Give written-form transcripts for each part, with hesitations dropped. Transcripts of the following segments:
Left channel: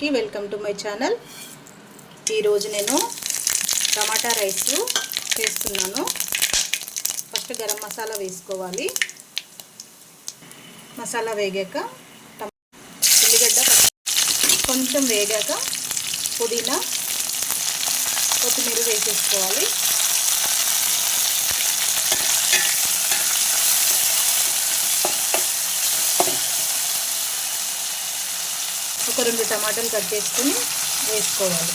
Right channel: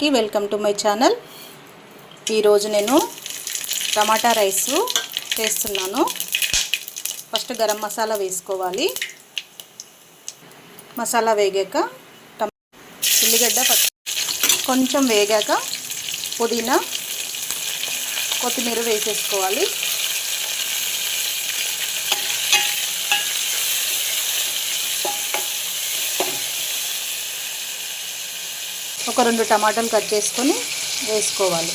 అందరికీ welcome to my channel. ఈరోజు నేను టమాటా రైస్ చేస్తున్నాను. ఫస్ట్ గరం మసాలా వేసుకోవాలి. మసాలా వేగాక ఉల్లిగడ్డ కొంచెం వేగాక పుదీనా కొత్తిమీర వేసేసుకోవాలి. ఒక 2 టమాటాలు కట్ చేసుకొని వేసుకోవాలి.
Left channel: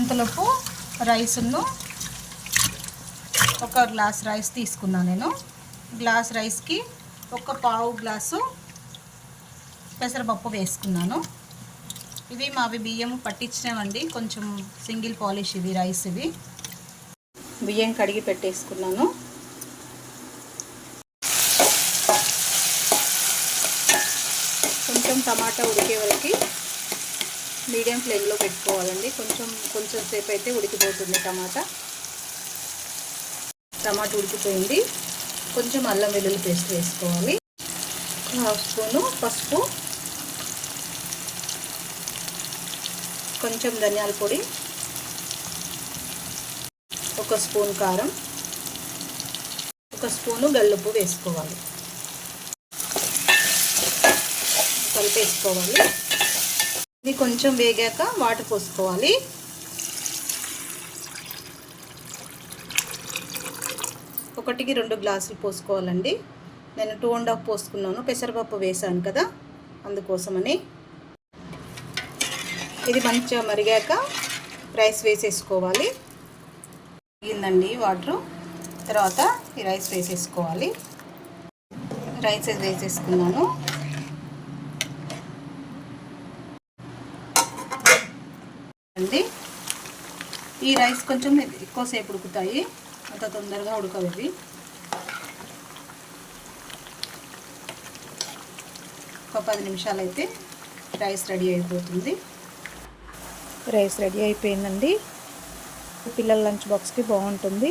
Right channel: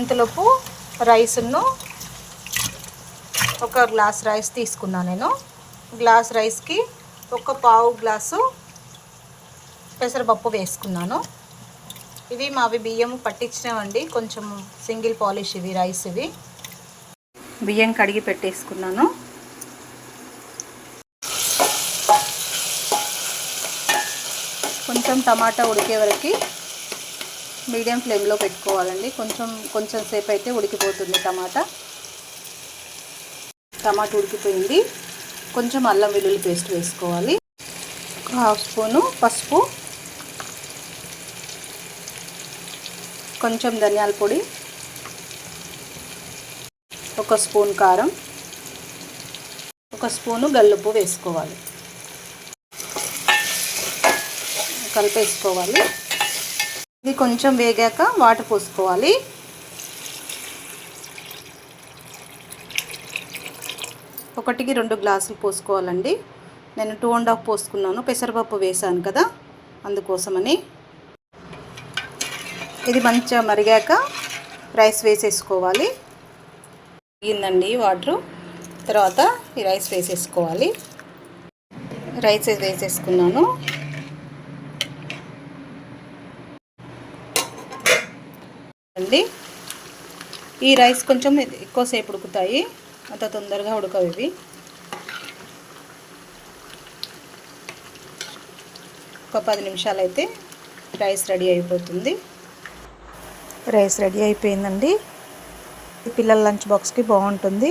అంతలోపు రైస్ను ఒక గ్లాస్ రైస్ తీసుకున్నాను. నేను గ్లాస్ రైస్కి ఒక పావు గ్లాసు పెసరపప్పు వేసుకున్నాను. ఇవి మావి బియ్యం పట్టించినవండి, కొంచెం సింగిల్ పాలిష్ ఇవి రైస్. ఇవి బియ్యం కడిగి పెట్టేసుకున్నాను. కొంచెం టమాటా ఉడికే వరకు మీడియం ఫ్లేమ్లో పెట్టుకోవాలండి. కొంచెం సేపు అయితే ఉడికిపోతుంది టమాటా ఉడికిపోయింది. కొంచెం అల్లం వెల్లుల్లి పేస్ట్ వేసుకోవాలి. 1/2 స్పూను పసుపు, కొంచెం ధనియాల పొడి, 1 స్పూన్ కారం, 1 స్పూను గల్లుప్పు వేసుకోవాలి. కలిపేసుకోవాలి. ఇది కొంచెం వేగాక వాటర్ పోసుకోవాలి. ఒకటికి 2 గ్లాసులు పోసుకోవాలండి. నేను 2.5 పోసుకున్నాను, పెసరపప్పు వేసాను కదా అందుకోసమని. ఇది మంచిగా మరిగాక రైస్ వేసేసుకోవాలి. మరిగిందండి వాటరు, తర్వాత ఈ రైస్ వేసేసుకోవాలి. రైస్ వేసేసుకున్నాను. అండి ఈ రైస్ కొంచెం ఎక్కువసేపు ఉడుకుతాయి, అంత తొందరగా ఉడకవు ఇవి. ఒక 10 నిమిషాలు అయితే రైస్ రెడీ అయిపోతుంది. రైస్ రెడీ అయిపోయిందండి. పిల్లల లంచ్ బాక్స్కి బాగుంటుంది.